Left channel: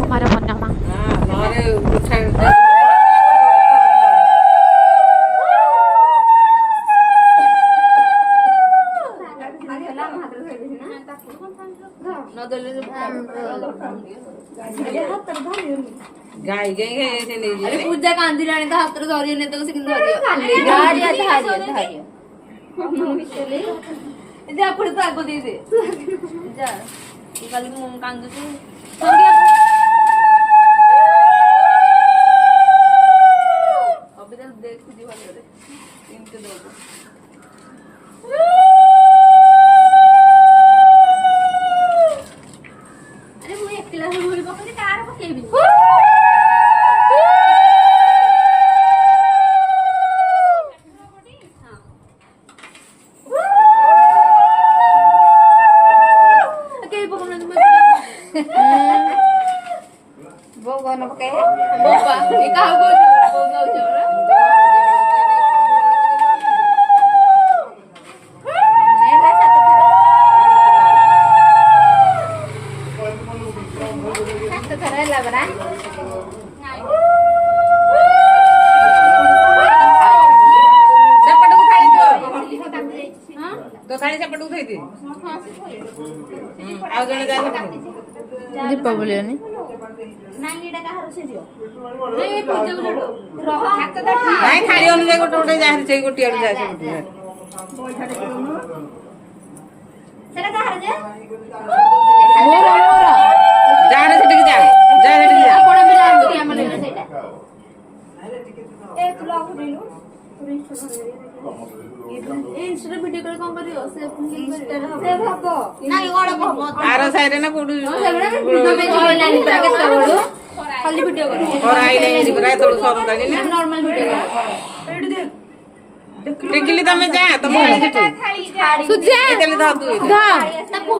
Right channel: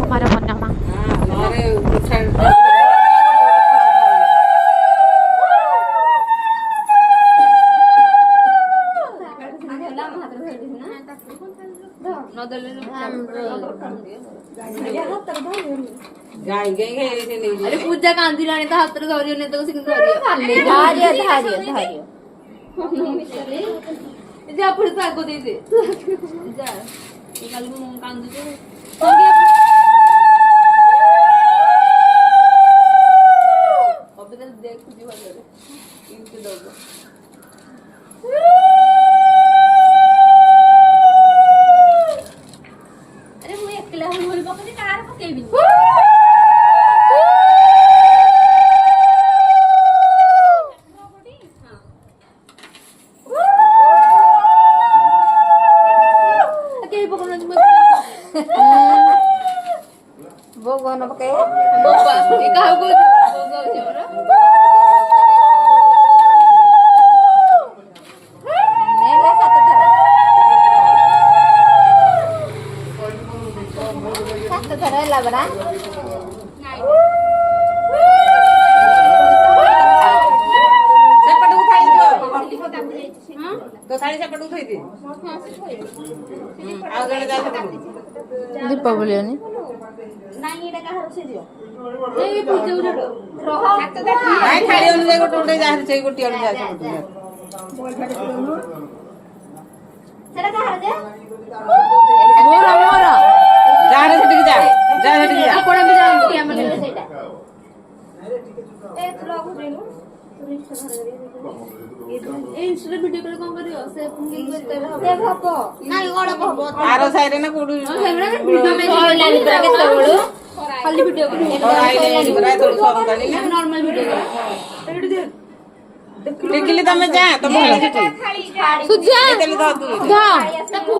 कुमार पूर्णिमा गाई गई अरे पूजा कांदी लाने तो हाथ धरियो ने तो धारियो जे आपण तो आगो दे दे जा ये खाली मु कांदू दे अबे तो देख तुझे भलो रे इनके दोगो अरे मु एकला होई बापने कार पकेबी वो गन पके बाबा ए काहा को बोगाउ छबरा नेला सात धरा लाबरा सपट उठाई दो तो साड़ी सपट उठाई दे आ गने जा दीपावली ने नानी एटा काहा से दियो ए पूजा को जोडो रह हाथ तो भाई खाली अनुगे गोटे गोटे जा से गोटी आलू जा सेटा काहा जे मोर जा रे सेठी जा सेठी जा आपण भी जान कि हमले सेटा ए तू लॉग देनु ए इंस्टा वीडियो कॉल कोन करियो से हबो नाही गडप हबो आरो साइड ना कोडी सेगडा वीडियो में ऑनलाइन के तोड़ो खाली वीडियो और आई नहीं बरा तो सर दाली ना नॉर्मल वीडियो टिकली तमे जा तमे सुजा देली धा तू धा